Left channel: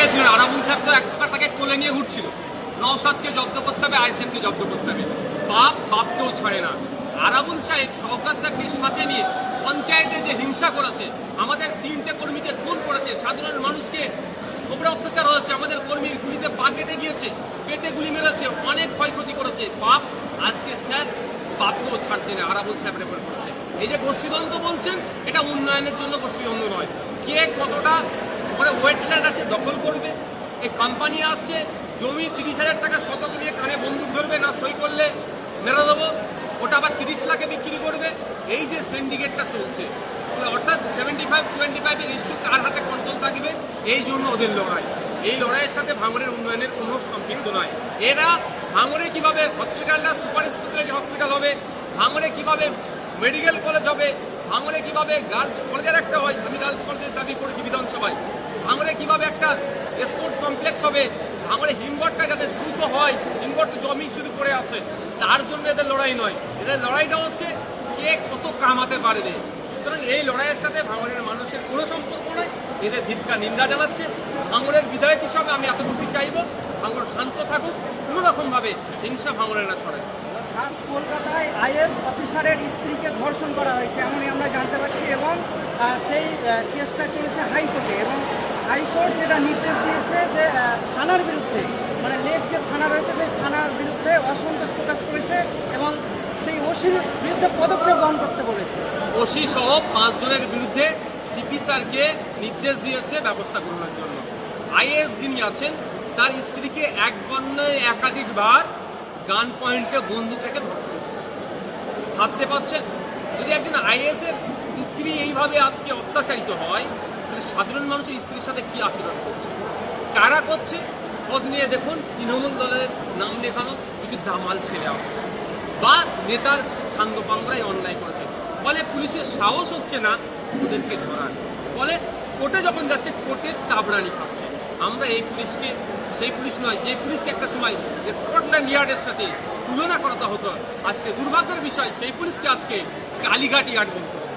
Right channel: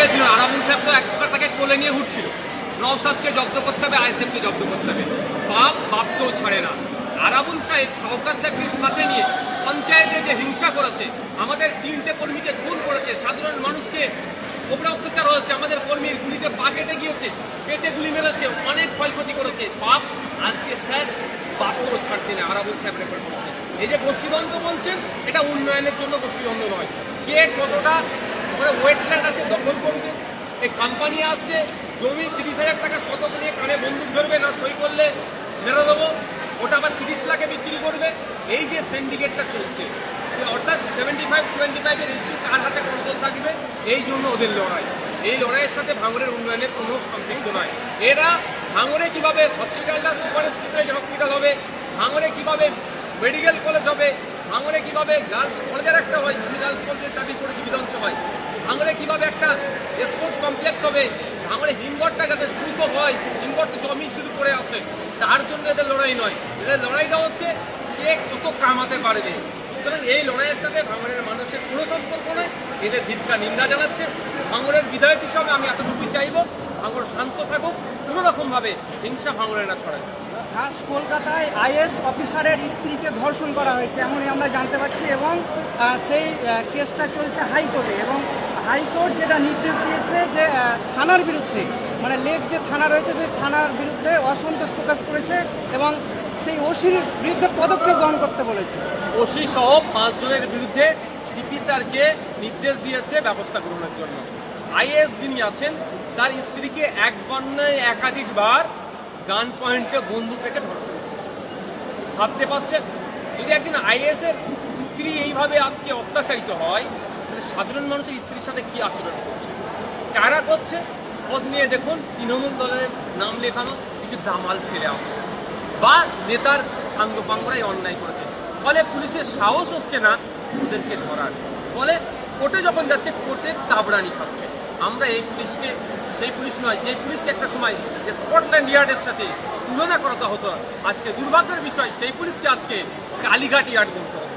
পেয়েছিলেন আরামুল সাহেব তো এক প্রকার তাকে কোলে নিয়ে উঠছিল নওসাদকে জব্দ করতে হবে আইসএফকে জব্দ করতে হবে। বাপ তো ছাড়ে না। আরাবুল সাহেব সরকার সাহেবকে সাথে নিয়ে পঞ্চায়েতে যে হিংসা করেছে, আমাদের তিনটে কর্মীকে খুন করেছে, সাধারণ মানুষকে ওপরে অত্যাচার হয়েছে, আমাদের কর্মীর গুলিতে পা কেটে গিয়েছে পেটে গুলি মেরেছে, অনেক ক্ষয়ক্ষতি করেছে। বাপ, আজকে স্যার বাপকেও ছাড়ছে না আরাবুল সাহেব রেফার করছে এই যে গোষ্ঠীদ্বন্দ্ব বলছেন, এটা উন্নয়নের জন্য গোষ্ঠীদ্বন্দ্ব নয়। কে কতটা ওখানে ওয়েটল্যান্ড আছে, দখল করবে। এই কোম্পানি আসছে, জমি তিরিশ হাজার টাকা শতক নিয়ে কানে বন্দুক ধরবে, না সই করলে মেরে দেবো। ওটা আবার তিরিশ লাখে বিক্রি করবে। এই যে সিন্ডিকেটটা চলছে অর্থাৎ সেভেন্টি ফাইভ টোয়েন্টি ফাইভের ইস্যু কার হাতে কন্ট্রোল থাকবে? এই জন্য ওদের লড়াই। এই লড়াইয়ের সাথে ভাঙড়ের উন্নয়নের কোনো সম্পৃক্ত নয়। এরা ভাঙড়ে কীভাবে হসপিটালটা সুপার স্পেশালিটি হসপিটাল হবে? ভাঙড়ে কীভাবে মেডিকেল কলেজ হবে? ভাঙড়ে কীভাবে গার্লস কলেজের একটা হয়? আমি গার্লস কলেজের দাবি করেছি বিধানসভায়। ভাঙড়ে কীভাবে একটা স্পোর্টস কমপ্লেক্স হবে ভাঙড়ে হিমঘরটা যাতে দ্রুত হয়, হিমঘর তো জমি শুধু পড়ে আছে, তার জন্য এদের লড়াই নয়। এদের লড়াইটা হচ্ছে কে কত কামাতে পারবে। সুতরাং এই লড়াইয়ের সাথে ভাঙড়ের মানুষের কোনো সম্পর্ক নয়, এদের ধিক্কা নিন্দা জানাচ্ছে। ভাঙড়ের বিধায়ক হিসাবে আমি এতটুকুই চাইব ভাঙড় শান্ত থাকুক, কোনো রকমভাবে হিংসা ভাঙড়ে না ছড়ায়। কলকাতায় আইএস অফিসারের স্ত্রীকে ধর্ষণ করা হয়েছে, এমনই আমরা জানতে পারছি এবং সেই কেসটা চলছে হাইকোর্টে এবং হাইকোর্ট যেটা নির্দেশ দিয়েছে যে থানার বিরুদ্ধে মানে লেক যে থানা রয়েছে, সেই থানার বিরুদ্ধে অসন্তোষ প্রকাশ করেছে এবং সেই ওসির বিরুদ্ধে পদক্ষেপ গ্রহণ করতে বলেছে। ওসি সহ পাঁচজনের বিরুদ্ধে সিপি স্যারকে নির্দেশ দিয়েছে ব্যবস্থা গ্রহণের জন্য। আইএস যিনি আছেন, তার স্ত্রীকে এক বন্যায় একাধিকবার গান পয়েন্টে বন্দুক রেখে ধর্ষণ ভাবতে পারছেন? যদি একজন আইএস এর স্ত্রী এইভাবে আজকে অত্যাচারিত হয় তাহলে সাধারণ মানুষের স্ত্রীর সাথে কি আচরণ করছে? কারা করছে? খোঁজ নিয়ে দেখুন, তৃণমূল দলের নাম লেখানো কিছু দামাল ছেলে আছে। বা নেতার সাঙ্গ পাঙ্গরাই অন্যায় করেছে। ফলে পুলিশের সাহস হচ্ছে না ওদেরকে ধরার। ফলে কোর্টে যখন যাচ্ছে কোর্টের তাবড়ানি খাচ্ছে। আমরা এই পুলিশকে, সেই পুলিশ নয়, যে পুলিশকে একটা সময় স্কটল্যান্ড ইয়ার্ডের সাথে তুলনা করাতে হতো। আজকে দুর্ভাগ্যের বিষয়, সেই পুলিশকে আজকে কালীঘাট ইয়ার্ড বলতে হবে